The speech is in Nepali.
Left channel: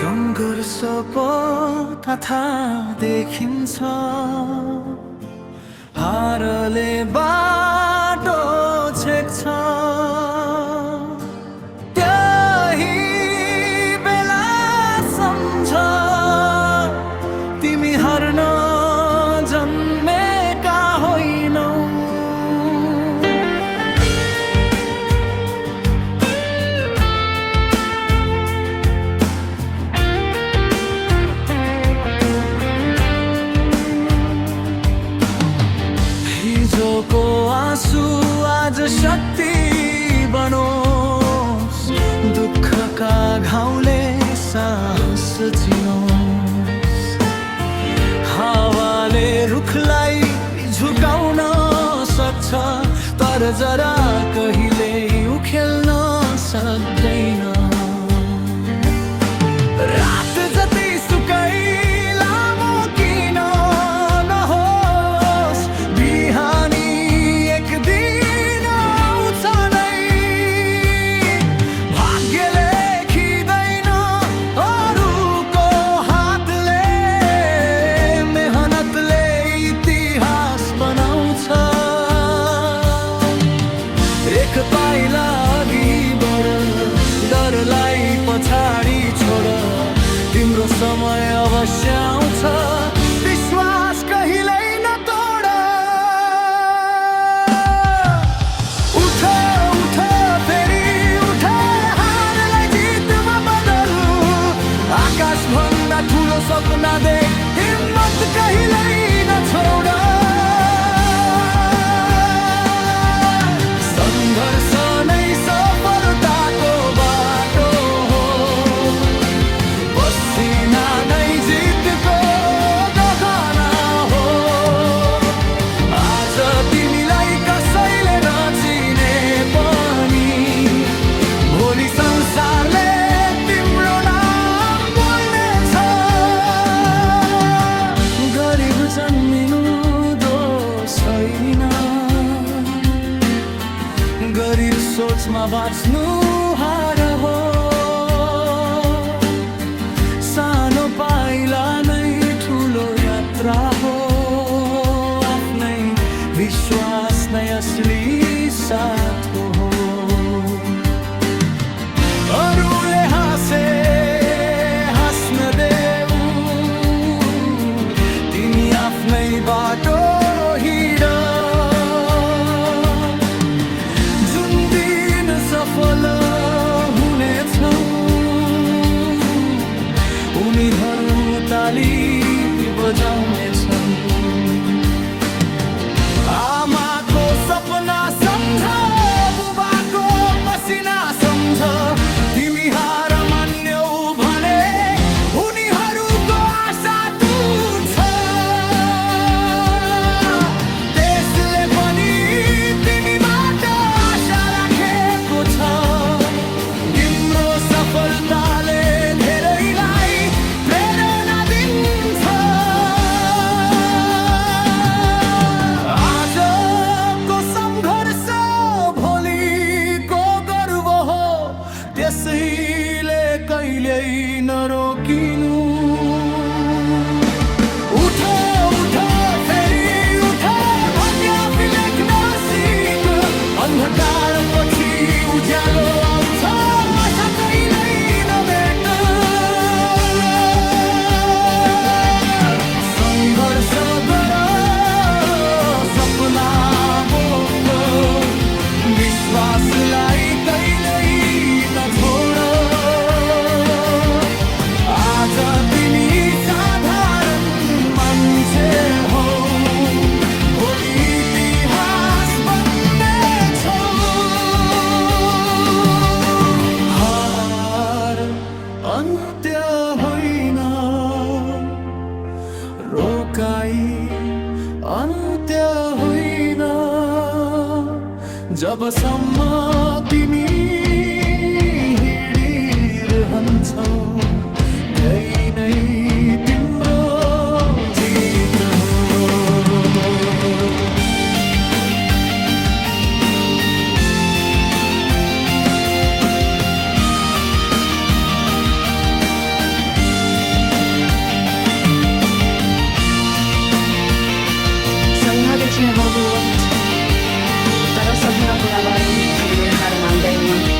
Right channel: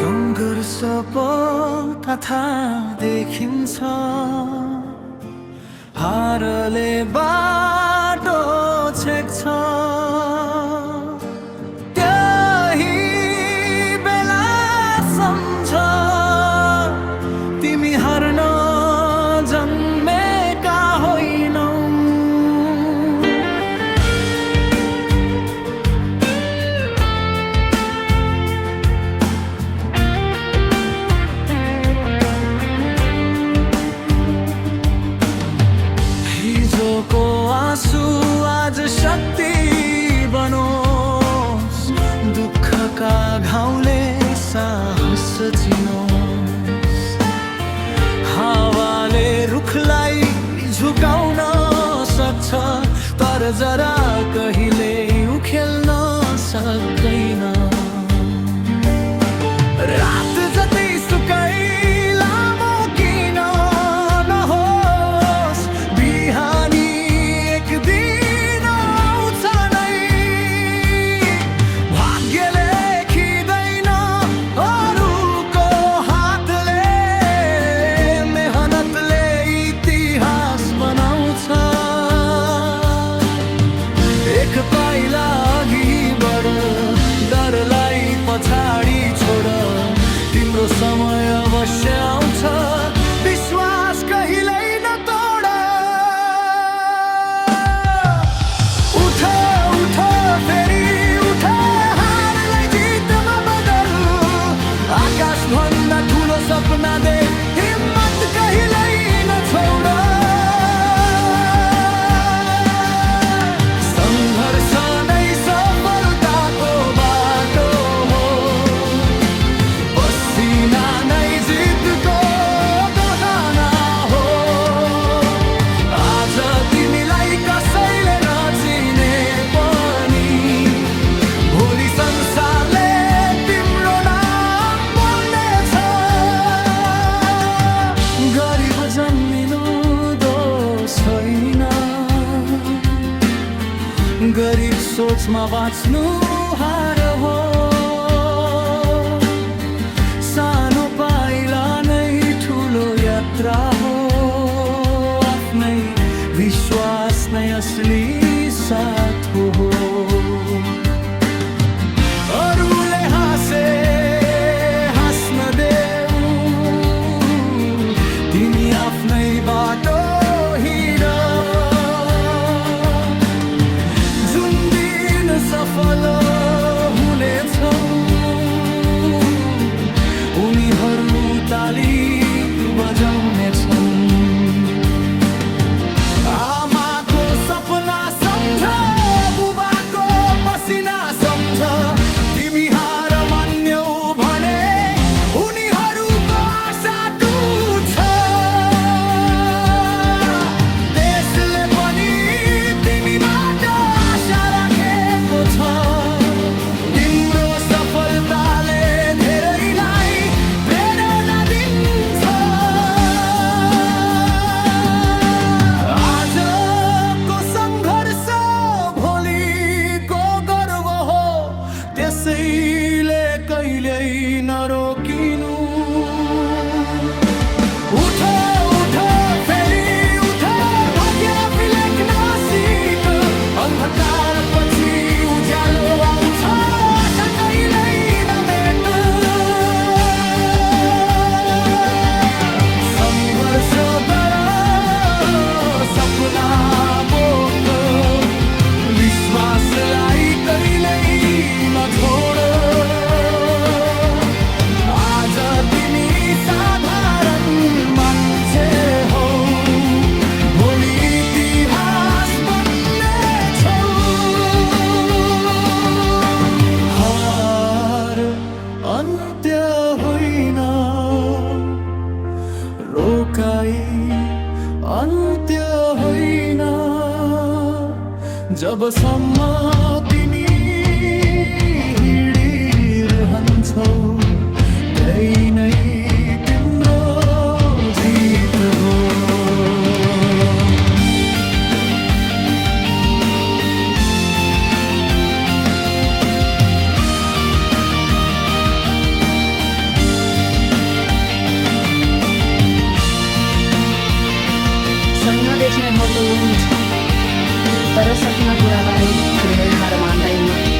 सङ्घर्ष पथा देखिन्छ, हारले बाटो छेक्छ। त्यही बेला सम्झ तिमी हार्न जन्मेका होइनौ। हिजोको आँसु आज शक्ति बनोस्, दुःखका घाउले साहस चिनोस्। हावाले रुखलाई झुकाउन सक्छ, तर जरा कहिले उखेल्न सक्दैन। रात जतै सुकै लामो किन नहोस्, बिहानी एक दिन आउँछ नै। भाग्य लेखिँदैन अरूको हातले, मेहनतले इतिहास बनाउँछ। एक पाइला अघि बढ, डरलाई पछाडि छोड, तिम्रो समय अवश्य आउँछ, विश्वास कहिल्यै नतोड। उठ उठ फेरि उठ, हारलाई जितमा बदल। आकाश भन्दा ठुलो सपना देख, हिम्मत कहिल्यै नछोड। सङ्घर्ष नै सफलताको बाटो हो, पसिना नै जितको गहना हो। आज तिमीलाई कसैले नचिने पनि, भोलि संसारले तिम्रो नाम बोल्नेछ। गरिब जन्मिनु दोष होइन, गरिब सोचमा बाँच्नु हार हो। सानो पाइला नै ठुलो यात्रा हो, आफ्नै विश्वास नै असली साथ हो। अरूले हाँसे हाँस्न देऊ, तिमी आफ्नै बाटो हिँड। जुन दिन सफल हुनेछौ, उनीहरू ताली बजाउनेछन्। आमाको सपना सम्झ, बुबाको पसिना सम्झ, तिमी हार मान्यौ भने उनीहरूको आशा टुट्छ। देशले पनि तिमीबाट आशा राखेको छ, तिम्रो सफलताले धेरैलाई प्रेरणा दिन्छ। आजको सङ्घर्ष भोलिको गर्व हो, त्यसैले कहिल्यै नरोकिनु। उठ उठ फेरि उठ, भाग्य लेख्न सिक। अन्धकार पछि उज्यालो आउँछ, आशा कहिल्यै नमेट। सङ्घर्ष गर, सपना बोक, विश्वासलाई कहिल्यै नछोड। आज तिमी साधारण मान्छे हौ, भोलि इतिहास बन्नेछौ। हार अन्त्य होइन, रोकाइ अन्त्य होइन। जबसम्म तिमी हिँडिरहन्छौ, त्यही नै तिम्रो जित हो। बेच्ने होल्डो वन्ट तर सपना पुरा बारे ठुलो हार मान्दैन